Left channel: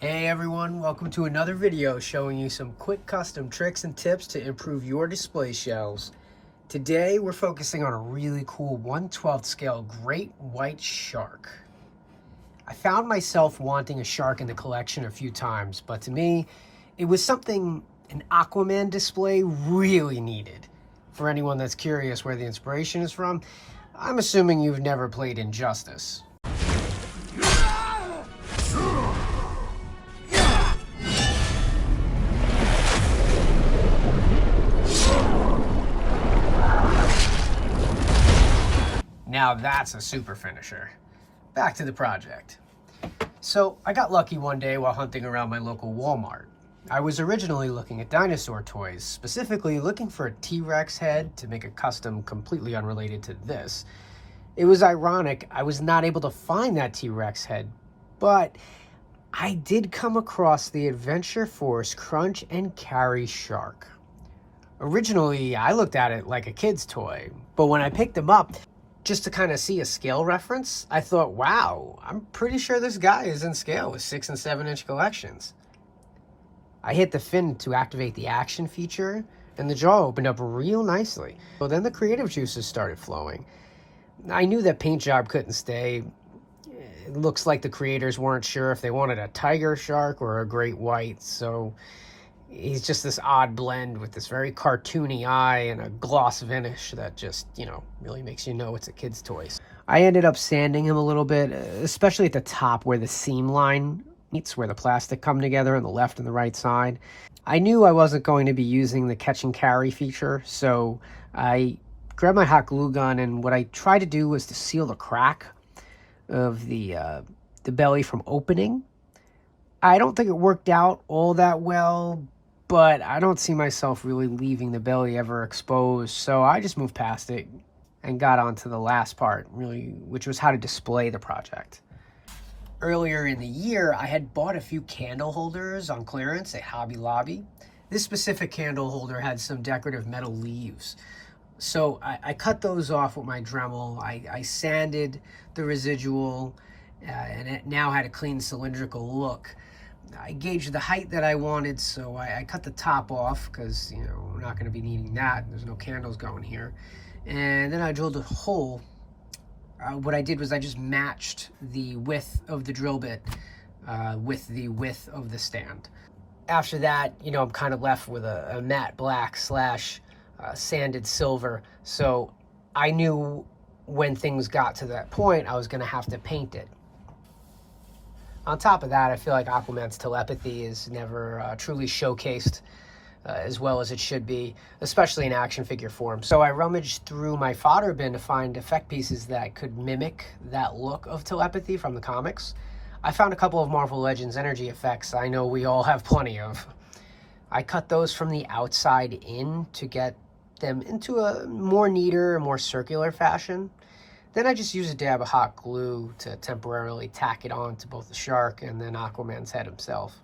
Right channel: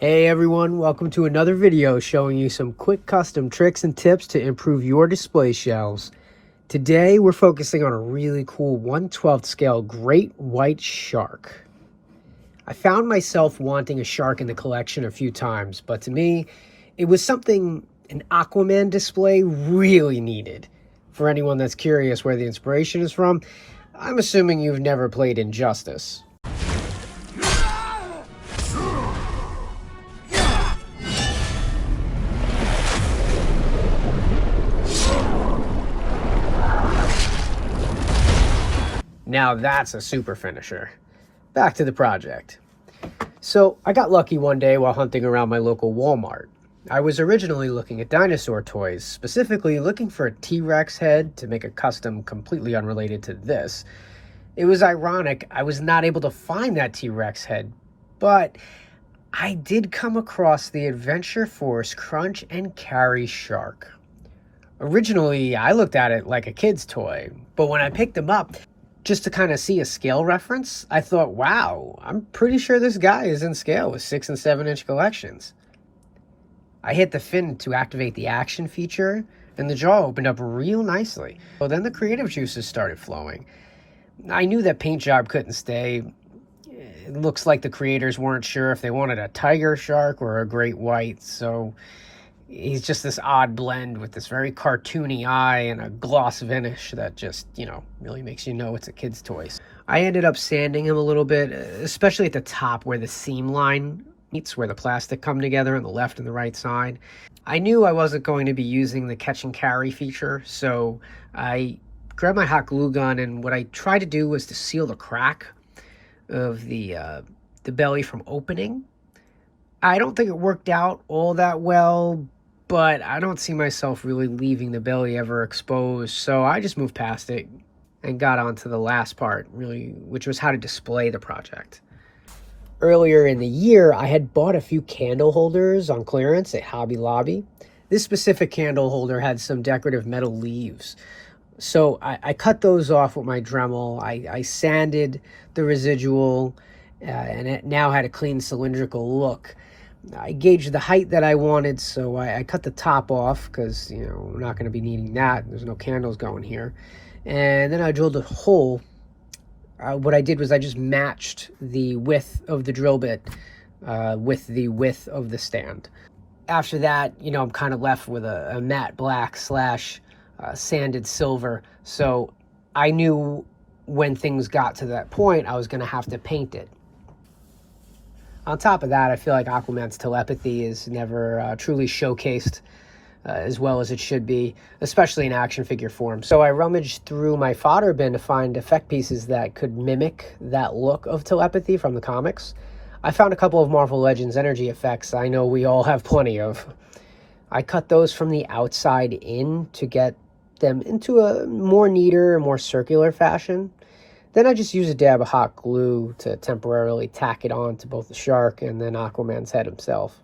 Hey everyone, welcome to another video showing you some quick custom tricks and tips to improve your display shelves. Today we're focusing on a really cool 1/12 scale great white shark. I found myself wanting a shark in the collection a few times, but to me, it was something an Aquaman display really needed. For anyone that's curious where the inspiration is from, I'm assuming you've never played Injustice. Now that's a super finisher. Back to the project. So I got lucky one day while hunting around my local Walmart. I was originally looking at dinosaur toys, specifically looking for a T-Rex head to make a custom completely unrelated to this. It was ironic I was not able to find that T-Rex head, but I did come across the Adventure Force Crunch and Carry Shark. Originally, I looked at it like a kid's toy, but when I picked him up, just to kind of see a scale reference, I thought, wow, I'm pretty sure this guy is in scale with 6 and 7 inch collections. I hit the fin to activate the action feature, and the jaw opened up real nicely. So then the creative juices started flowing. I knew that paint job couldn't stay. It looks like the creators weren't sure if they wanted a tiger shark or a great white, so he's just this odd blend with this very cartoony eye and a gloss finish that just, really makes you know it's a kid's toy. I ended up sanding him a little bit, especially at the top where the seam line meets, where the plastic come together on the left and the right side. I knew I wasn't going to be using the catch and carry feature, so I grabbed my hot glue gun, and what I tried to do was to seal the crack of the belly from opening. I don't think it worked out all that well, but I don't see myself really leaving the belly ever exposed, so I just moved past it and got on to the last part, really, which was how to display the project. Earlier in the year, I had bought a few candle holders on clearance at Hobby Lobby. This specific candle holder had some decorative metal leaves, so I cut those off with my Dremel. I sanded the residual, and it now had a clean cylindrical look. I gauged the height that I wanted, so I cut the top off because, I'm not going to be needing that. There's no candles going here. And then I drilled a hole. What I did was I just matched the width of the drill bit with the width of the stand. After that, I'm kind of left with a matte black / sanded silver. So I knew when things got to that point, I was going to have to paint it. On top of that, I feel like Aquaman's telepathy is never truly showcased as well as it should be, especially in action figure form. So I rummaged through my fodder bin to find effect pieces that could mimic that look of telepathy from the comics. I found a couple of Marvel Legends energy effects I know we all have plenty of. I cut those from the outside in to get them into a more neater and more circular fashion. Then I just used a dab of hot glue to temporarily tack it on to both the shark and then Aquaman's head himself.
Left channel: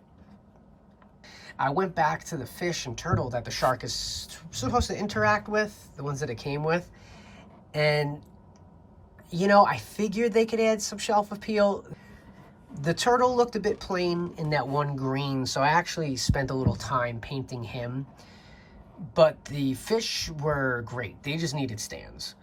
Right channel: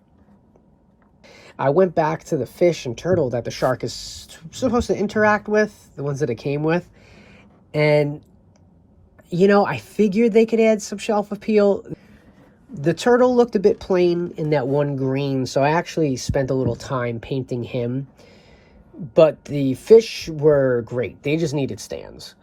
I went back to the fish and turtle that the shark is supposed to interact with, the ones that it came with. And, I figured they could add some shelf appeal. The turtle looked a bit plain in that one green, so I actually spent a little time painting him. But the fish were great. They just needed stands.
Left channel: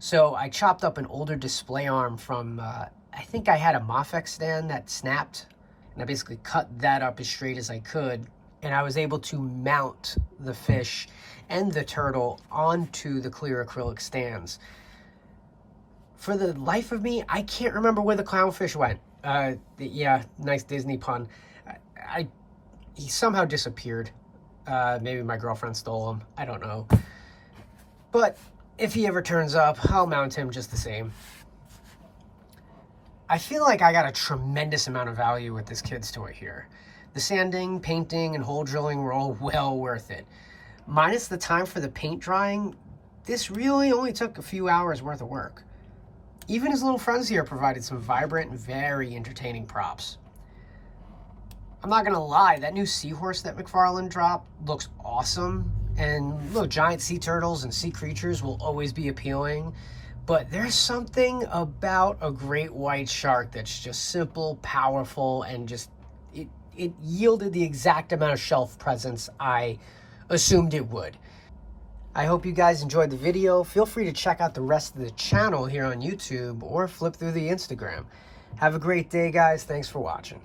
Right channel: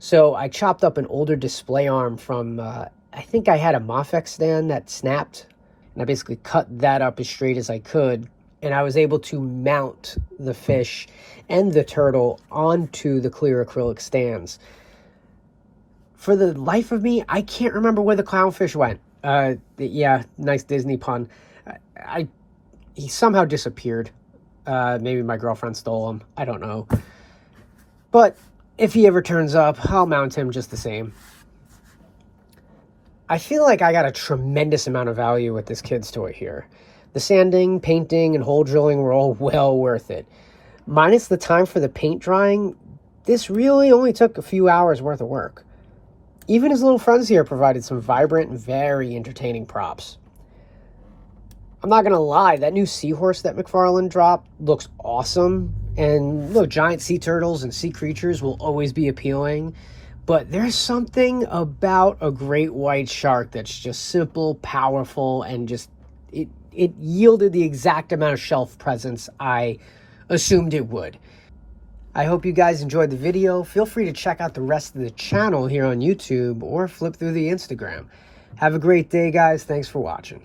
So I chopped up an older display arm from, I think I had a Mafex stand that snapped, and I basically cut that up as straight as I could, and I was able to mount the fish and the turtle onto the clear acrylic stands. For the life of me, I can't remember where the clownfish went. Yeah, nice Disney pun. He somehow disappeared. Maybe my girlfriend stole him. I don't know. But if he ever turns up, I'll mount him just the same. I feel like I got a tremendous amount of value with this kid's toy here. The sanding, painting, and hole drilling were all well worth it. Minus the time for the paint drying, this really only took a few hours worth of work. Even his little friends here provided some vibrant and very entertaining props. I'm not gonna lie, that new seahorse that McFarlane dropped looks awesome. And look, giant sea turtles and sea creatures will always be appealing, but there's something about a great white shark that's just simple, powerful, and just it yielded the exact amount of shelf presence I assumed it would. I hope you guys enjoyed the video. Feel free to check out the rest of the channel here on YouTube or flip through the Instagram. Have a great day, guys. Thanks for watching.